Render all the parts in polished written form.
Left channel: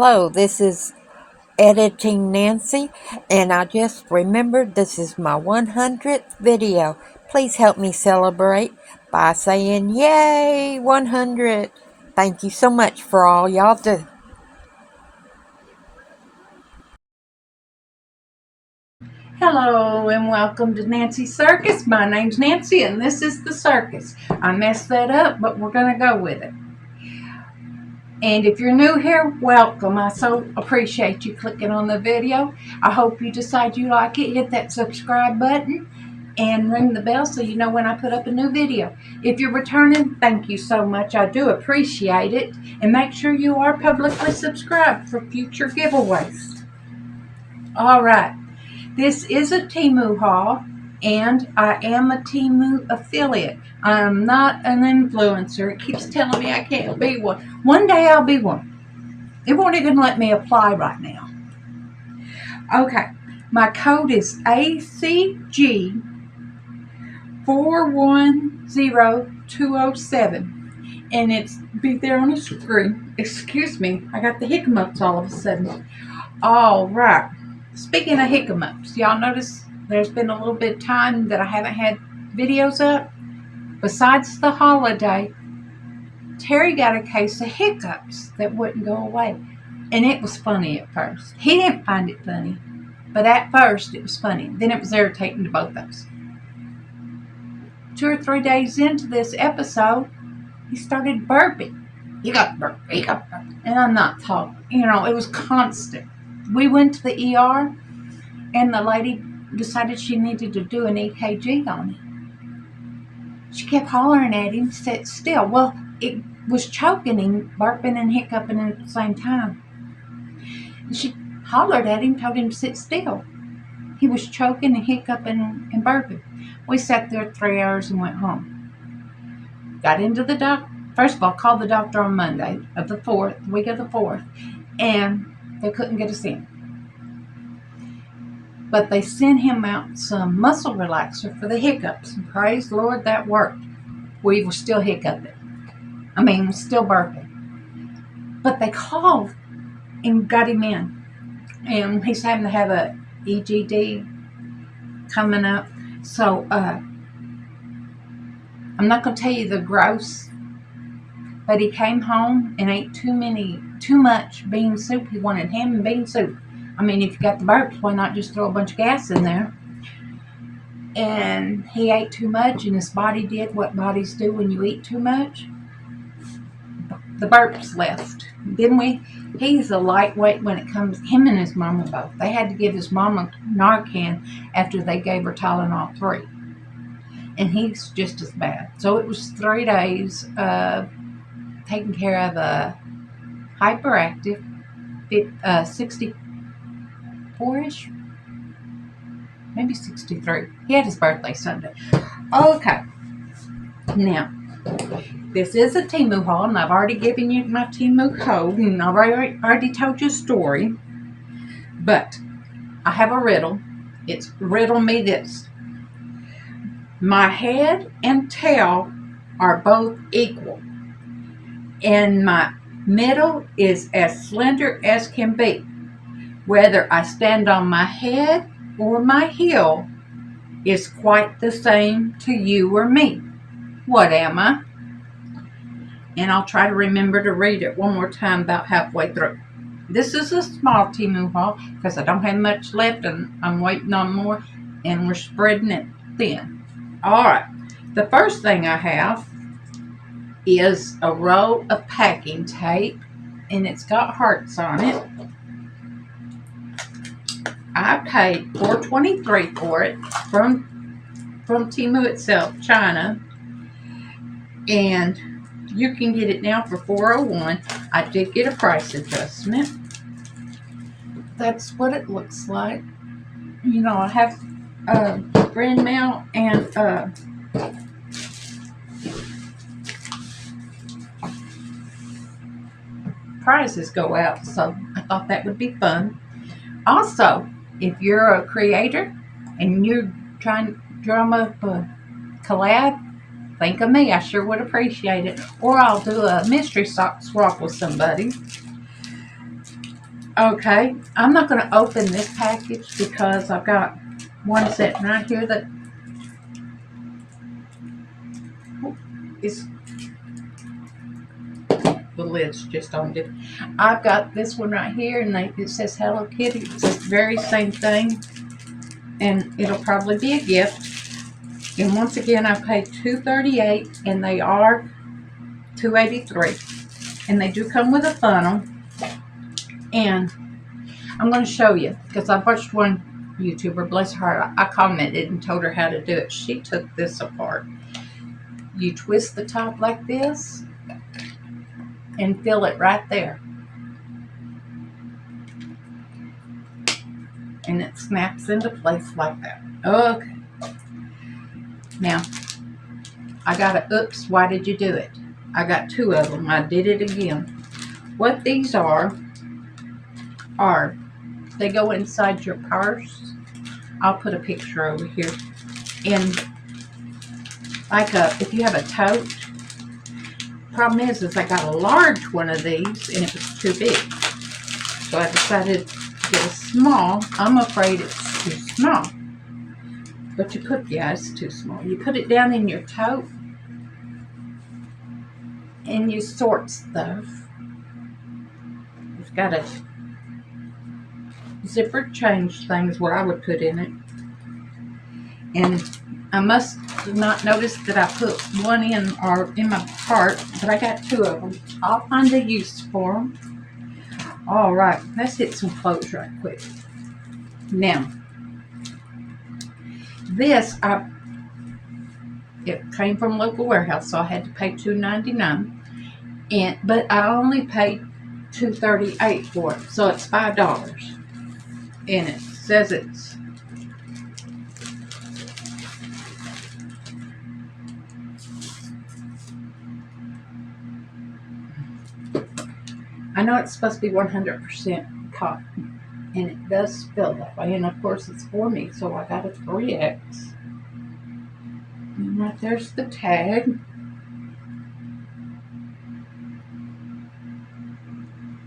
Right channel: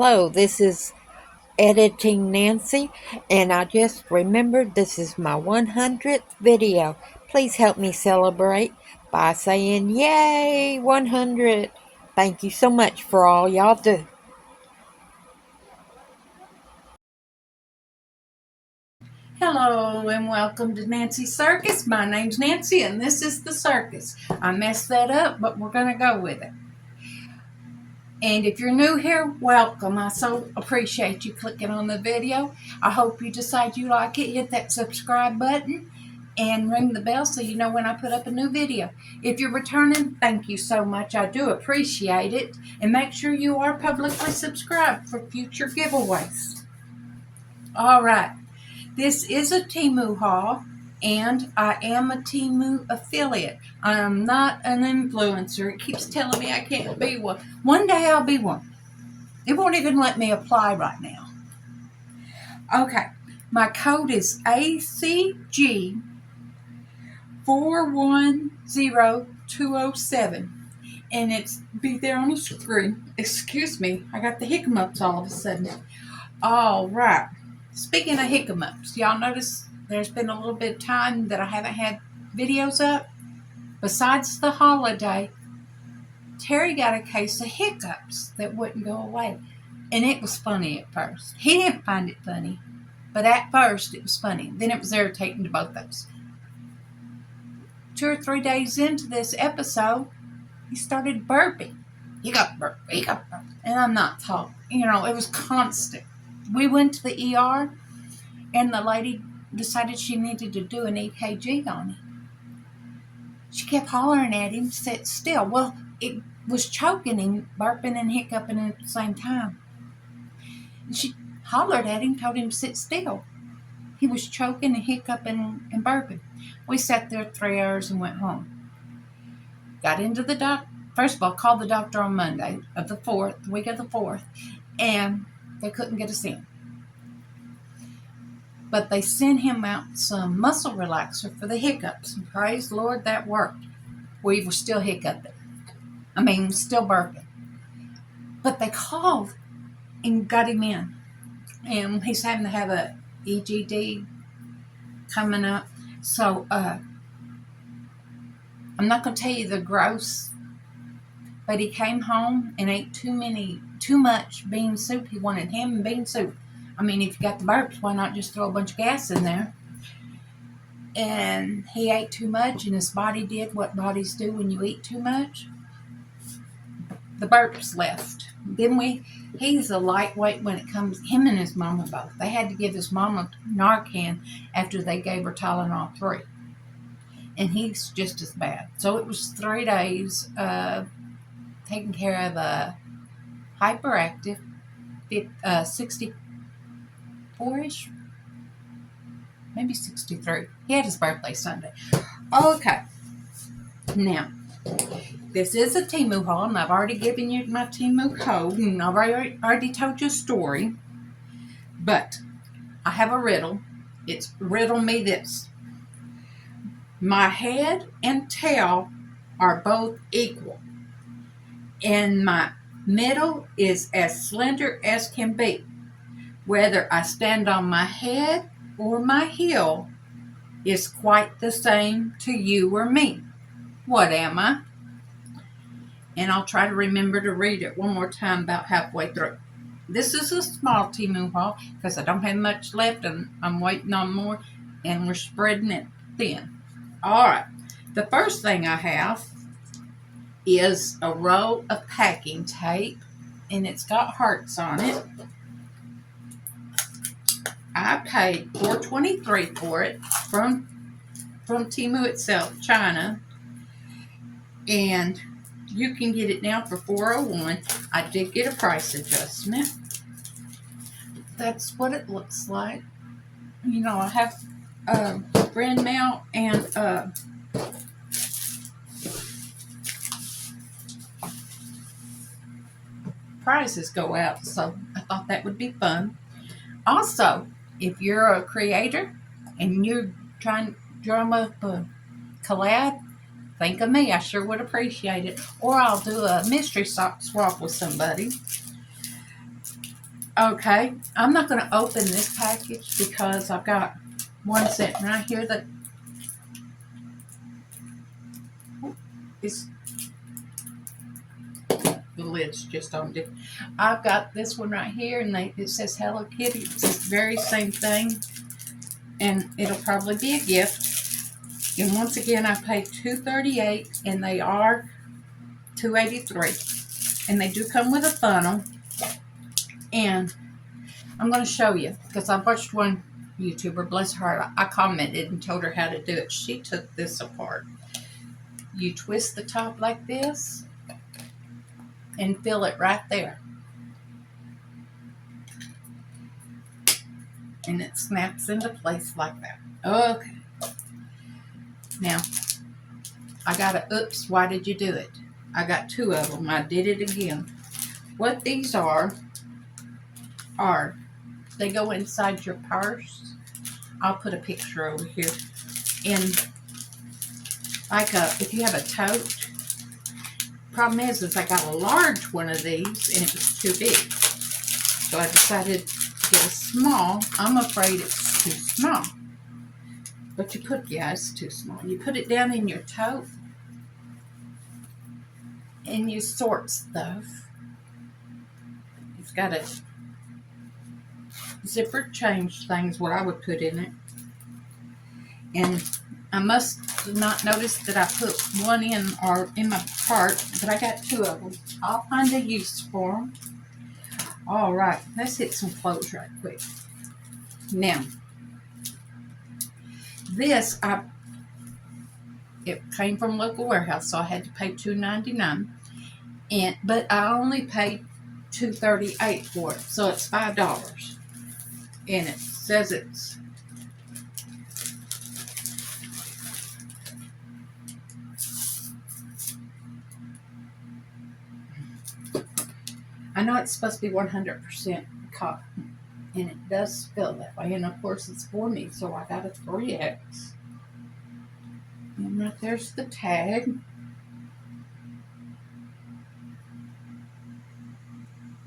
Hello, this is Editing Nancy, and I just remembered this is my 100th video. Please help me celebrate by saying, Yay, 100! Thank you so much for all y'all do. Hello and welcome to Nancy's Circus. My name's Nancy and this is the circus. I messed that up, but we're going to go with it. And if you're new here, welcome. I so appreciate you clicking on the video. I hope you decide you like it. Hit that subscribe button and ring the bell so you know when I put up a new video. If you're returning, thank you so much. I do appreciate it. And make sure you are publicly subscribed for future giveaways. All right. This is a Temu haul, and I am a Temu affiliate. I'm not an influencer. It keeps telling me I can't be one. One day I'll be one. It won't even let me apply right now. Okay, my code is ACG 410207, and it's be there on the screen. Excuse me, I got the hiccups all of a sudden. All right. Speaking of hiccups, y'all notice there's been a little bit of time that I haven't had videos up. Besides the holiday, Terry got a case of hiccups that wouldn't go away. And it was funny at first. He didn't find it funny, but at first it was funny. Then it was irritating to both of us. 2 or 3 days into this episode, he started burping. He got burp. And I'm not talking. It was constant. We went to the ER, and the lady decided she needed to do an EKG on him. She kept hollering at him, sit still. Well, it was choking him, burping and hiccuping at the same time. She hollered at him, told him to sit still. He was choking and hiccuping and burping. We sat there 3 hours and went home. Got into the doctor. First of all, called the doctor on Monday of the 4th, week of the 4th, and they couldn't get us in. But they sent him out some muscle relaxer for the hiccups. And praise the Lord, that worked. We were still hiccuping. Still burping. But they called and got him in. And he's having to have a EGD coming up. So, I'm not going to tell you the gross, but he came home and ate too much bean soup. He wanted ham and bean soup. If you got the burps, why not just throw a bunch of gas in there? And he ate too much, and his body did what bodies do when you eat too much. The burps left. He's a lightweight when it comes, him and his mama both. They had to give his mama Narcan after they gave her Tylenol 3. And he's just as bad. So it was 3 days of taking care of a hyperactive 64-ish, maybe 63. He had his birthday Sunday. Okay. Now, this is a Temu haul, and I've already given you my Temu code, and I've already told you a story. But I have a riddle. It's riddle me this. My head and tail are both equal, and my middle is as slender as can be. Whether I stand on my head or my heel is quite the same to you or me. What am I? And I'll try to remember to read it one more time about halfway through. This is a small Temu haul because I don't have much left and I'm waiting on more, and we're spreading it thin. All right. The first thing I have is a roll of packing tape, and it's got hearts on it. I paid $4.23 for it from Temu itself, China, and you can get it now for $4.01. I did get a price adjustment. That's what it looks like. I have brand mail and prizes go out, so I thought that would be fun. Also, if you're a creator and you're trying to drum up a collab, think of me. I sure would appreciate it. Or I'll do a mystery sock swap with somebody. Okay, I'm not going to open this package because I've got one sitting right here that is, the lid's just on it. I've got this one right here, and it says Hello Kitty. It's the very same thing, and it'll probably be a gift. And once again, I paid $238, and they are $283, and they do come with a funnel. And I'm going to show you because I watched one YouTuber, bless her. I commented and told her how to do it. She took this apart. You twist the top like this and fill it right there, and it snaps into place like that. Okay. Now, I got a, oops, why did you do it? I got two of them. I did it again. What these are they go inside your purse. I'll put a picture over here. And like if you have a tote, problem is I got a large one of these and it was too big. So I decided to get a small. I'm afraid it's too small. But you put, yeah, it's too small. You put it down in your tote and you sort stuff. It's got a zipper change things where I would put in it. And I must not notice that I put one in my cart, but I got two of them. I'll find a use for them. All right, let's hit some clothes right quick. Now, this it came from a local warehouse, so I had to pay $2.99, but I only paid $2.38 for it, so it's $5. And it says it's I know it's supposed to be 100% cotton, and it does feel that way. And of course, it's for me, so I got a 3X. And right there's the tag.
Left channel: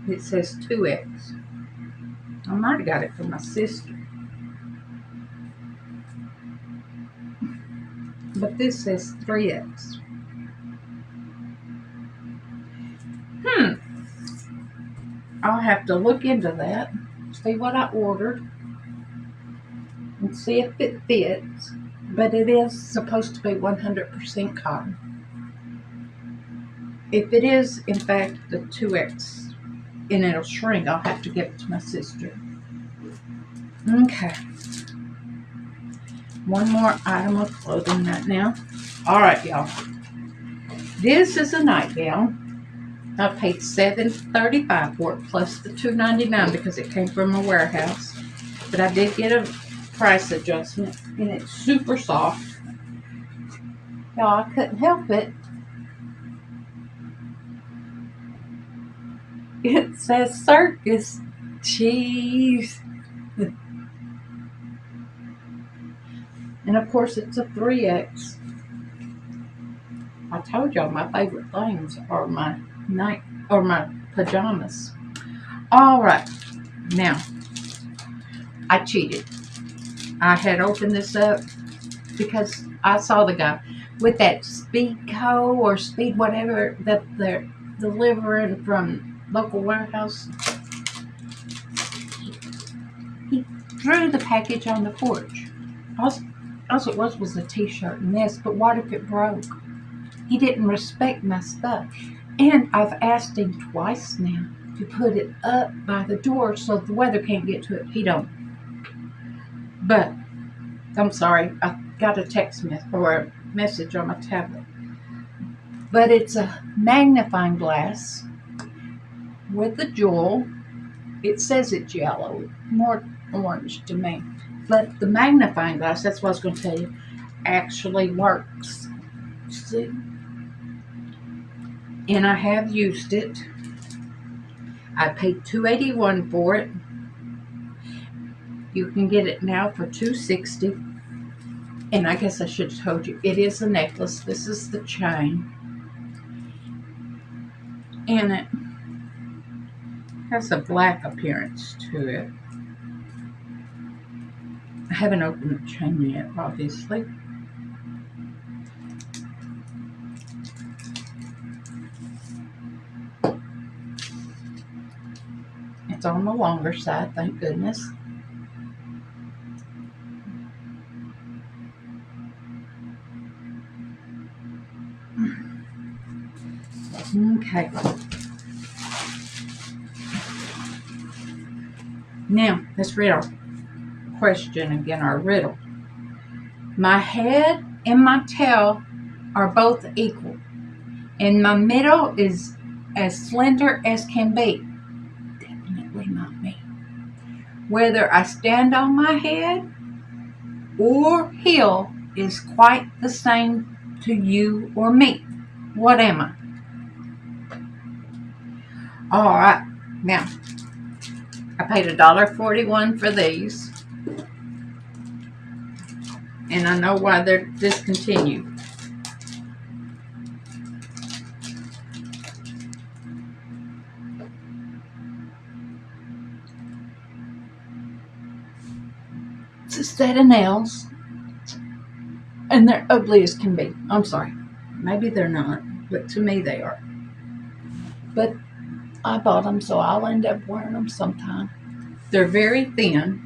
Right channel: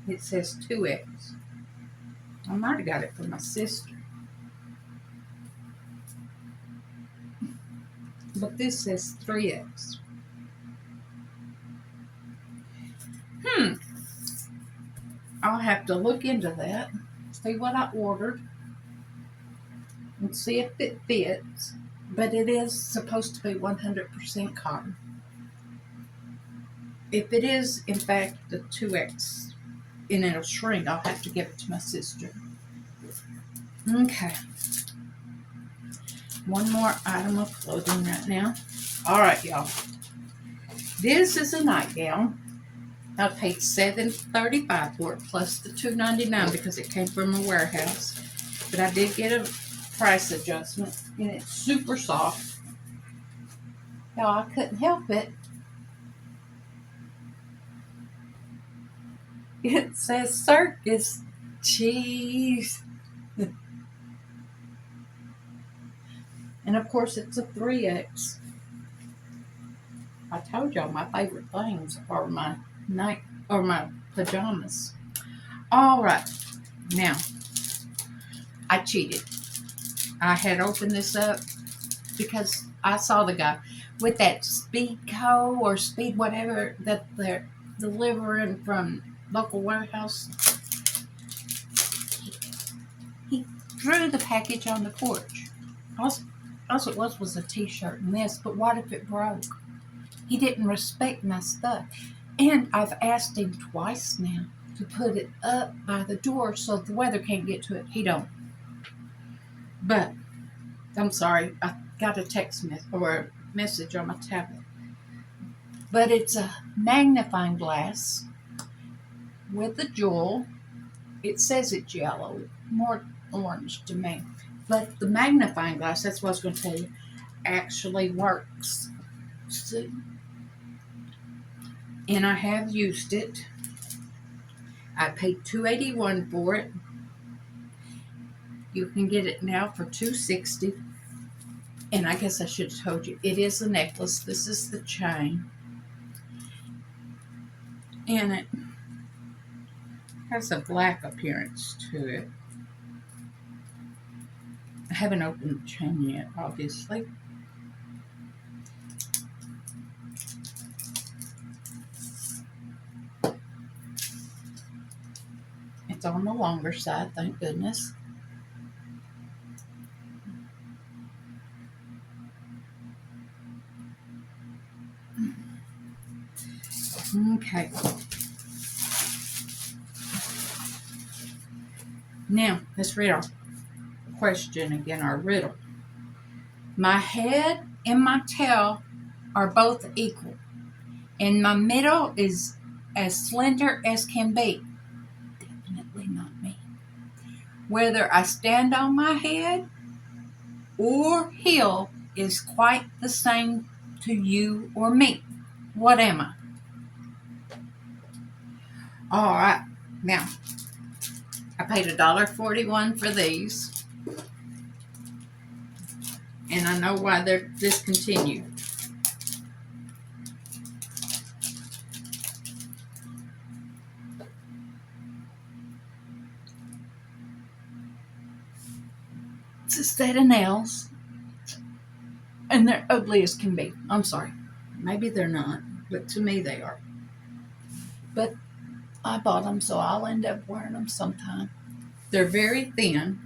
It says 2X. I might have got it from my sister. But this says 3X. I'll have to look into that, see what I ordered, and see if it fits. But it is supposed to be 100% cotton. If it is, in fact, the 2X, and it'll shrink, I'll have to give it to my sister. Okay. One more item of clothing right now. All right, y'all. This is a nightgown. I paid $7.35 for it plus the $2.99 because it came from a warehouse. But I did get a price adjustment, and it's super soft. Y'all, I couldn't help it. It says Circus. Jeez. And of course, it's a 3X. I told y'all my favorite things are my pajamas. All right, now I cheated. I had opened this up because I saw the guy with that Speed Co. or Speed whatever that they're delivering from local warehouse. He threw the package on the porch. All it was a T-shirt and this, but what if it broke? He didn't respect my stuff. And I've asked him twice now to put it up by the door so the weather can't get to it. He don't. But, I'm sorry, I got a text or a message on my tablet. But it's a magnifying glass with a jewel. It says it's yellow, more orange to me. But the magnifying glass, that's what I was going to tell you, actually works. See? And I have used it. I paid $2.81 for it. You can get it now for $2.60. And I guess I should have told you, it is a necklace. This is the chain. And has a black appearance to it. I haven't opened the chain yet, obviously. It's on the longer side, thank goodness. Okay. Now, let's read our question again, our riddle. My head and my tail are both equal, and my middle is as slender as can be. Definitely not me. Whether I stand on my head or heel is quite the same to you or me. What am I? All right. Now, I paid $1.41 for these. And I know why they're discontinued. It's a set of nails. And they're ugly as can be. I'm sorry. Maybe they're not. But to me they are. But I bought them, so I'll end up wearing them sometime. They're very thin.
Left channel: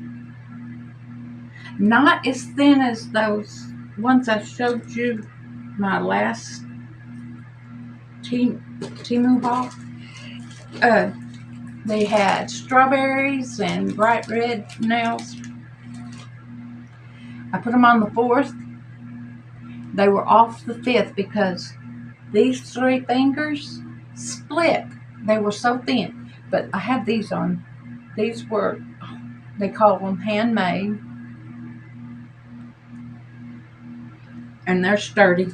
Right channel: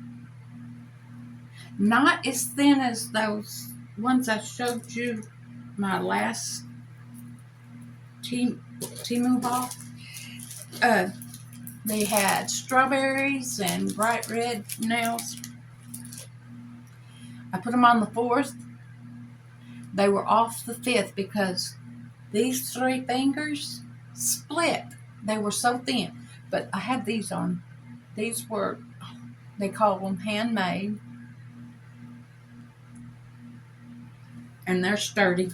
Not as thin as those ones I showed you my last Temu haul. They had strawberries and bright red nails. I put them on the 4th. They were off the 5th because these 3 fingers split. They were so thin. But I have these on. These were, they call them handmade. And they're sturdy.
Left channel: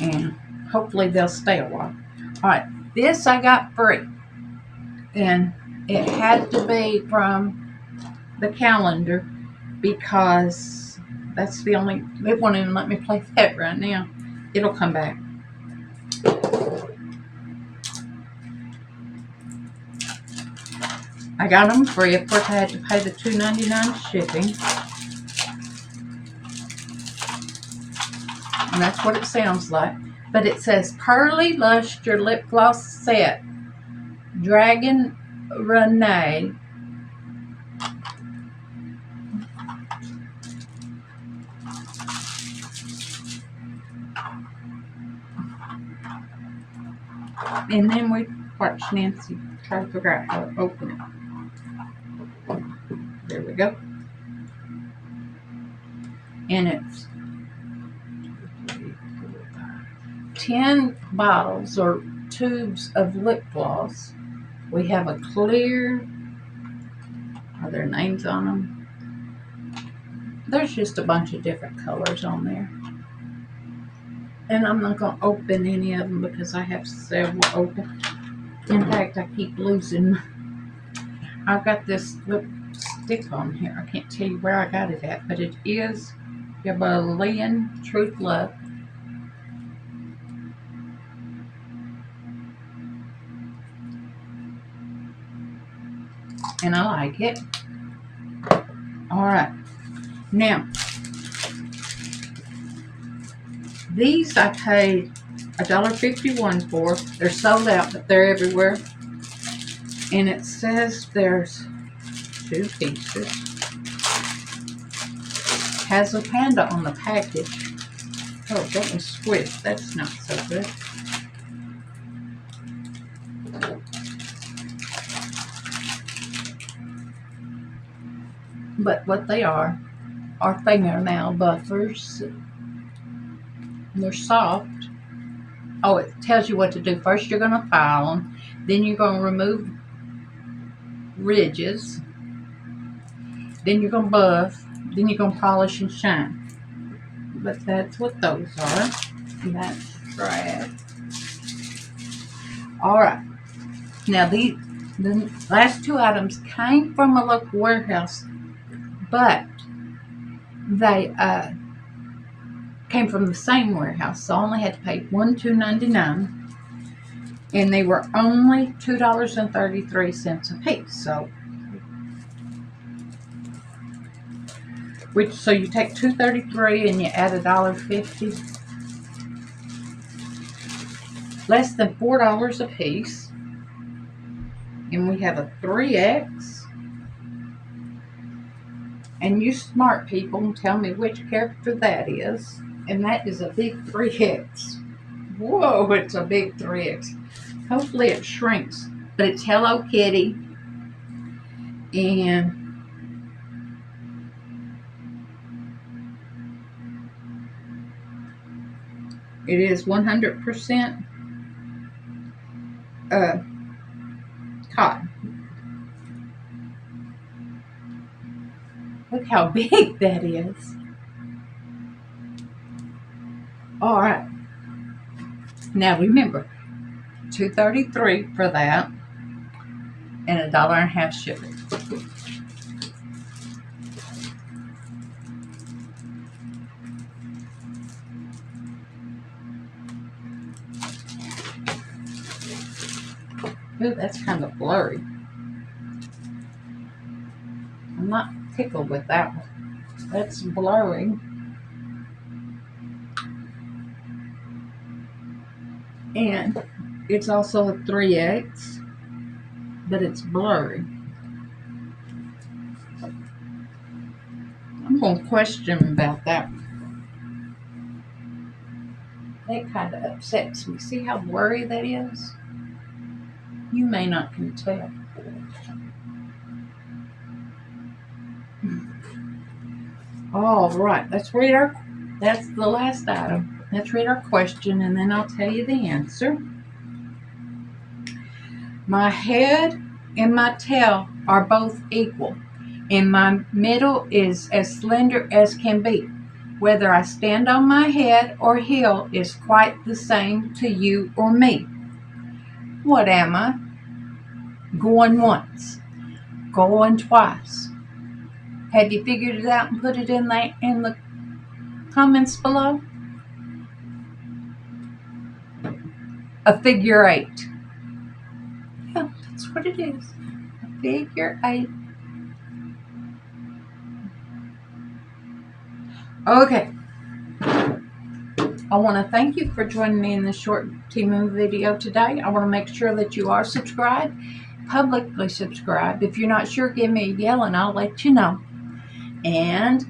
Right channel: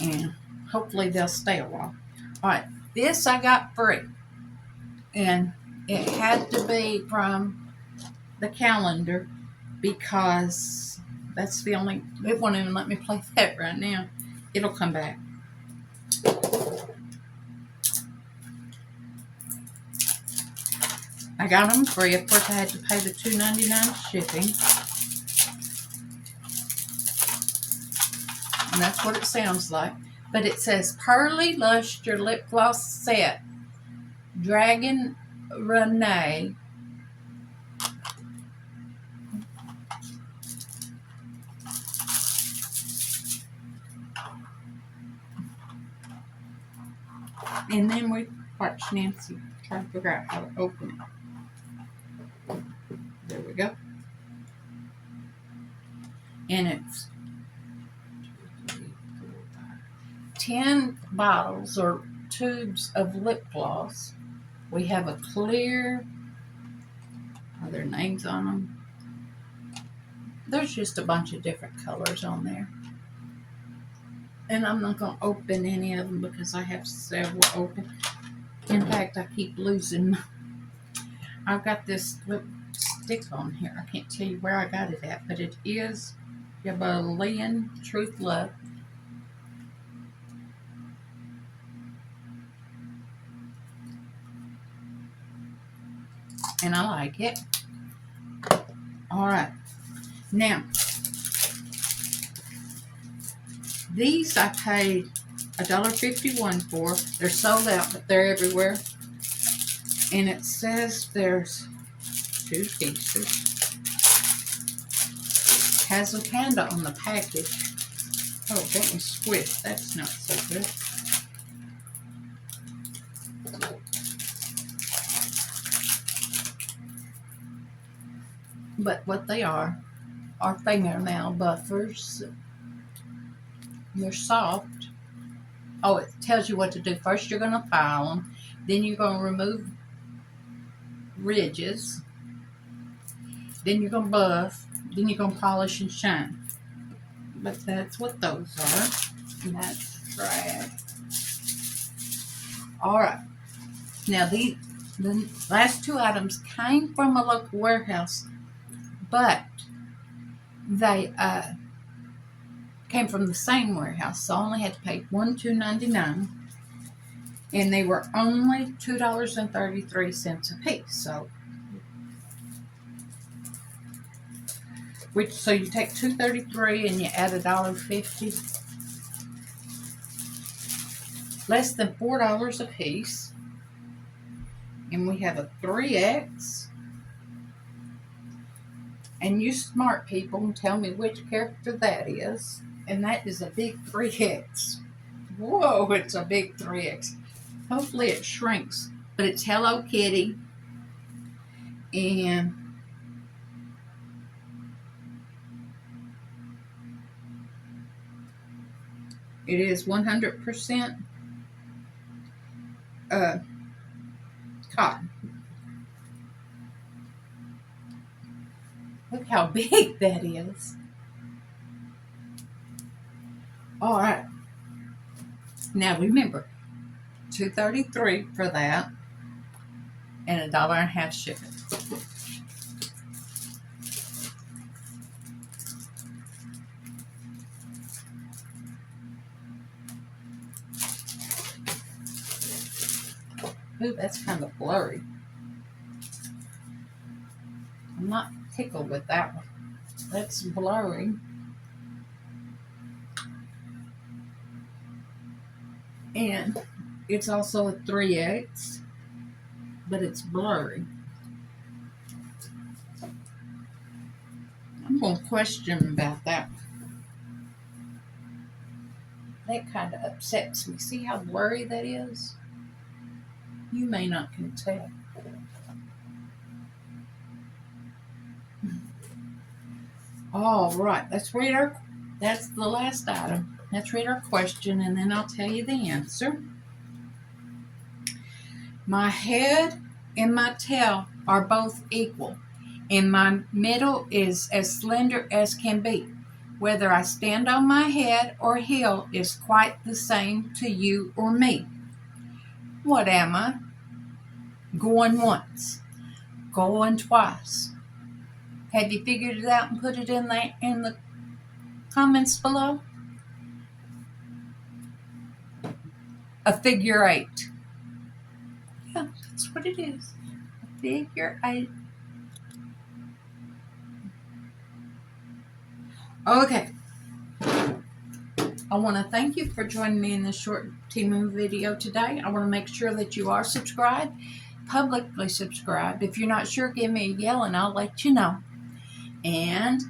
And hopefully they'll stay a while. Alright, this I got free. And it had to be from the calendar because that's the only, it won't even let me play that right now. It'll come back. I got them free. Of course, I had to pay the $2.99 shipping. And that's what it sounds like. But it says Pearly Luster Lip Gloss Set. Dragon Renee. And then we watch Nancy try to figure out how to open it. There we go. And it's 10 bottles or tubes of lip gloss. We have a clear, are there names on them? There's just a bunch of different colors on there. And I'm not going to open any of them because I have several open. In fact, I keep losing. I've got this lipstick on here. I can't tell you where I got it at, but it is Himalayan Truth Love. And I like it. Alright. Now, these I paid $1.51 for. They're sold out, but they're everywhere. And it says there's 2 pieces. Has a panda on the package. Oh, that was squished. That's not so good. But what they are fingernail buffers. They're soft. Oh, it tells you what to do. First, you're going to file them. Then you're going to remove ridges. Then you're going to buff. Then you're going to polish and shine. But that's what those are. That's trash. Alright. Now, the last 2 items came from a local warehouse, but they came from the same warehouse, so I only had to pay $2.99. And they were only $2.33 a piece. So so you take $2.33 and you add $1.50. Less than $4 a piece. And we have a 3X. And you smart people tell me which character that is. And that is a big 3X. Whoa, it's a big 3X. Hopefully it shrinks. But it's Hello Kitty. And it is 100% cotton. Look how big that is. All right. Now remember, $2.33 for that, and $1.50 shipping. Ooh, that's kind of blurry. I'm not tickled with that one. That's blurry. And it's also a 3X, but it's blurry. I'm going to question about that. That kind of upsets me. See how blurry that is? You may not can tell. All right, that's the last item. Let's read our question and then I'll tell you the answer. My head and my tail are both equal, and my middle is as slender as can be. Whether I stand on my head or heel is quite the same to you or me. What am I? Going once, going twice. Have you figured it out and put it in the comments below? A figure 8. Yeah, that's what it is. A figure 8. Okay. I want to thank you for joining me in this short Temu video today. I want to make sure that you are subscribed, publicly subscribed. If you're not sure, give me a yell and I'll let you know. And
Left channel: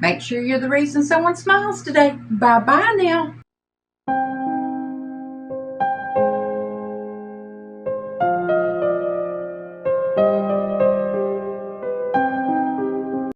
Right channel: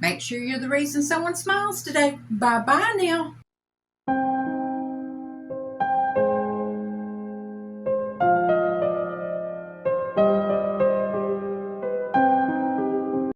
make sure you're the reason someone smiles today. Bye-bye now.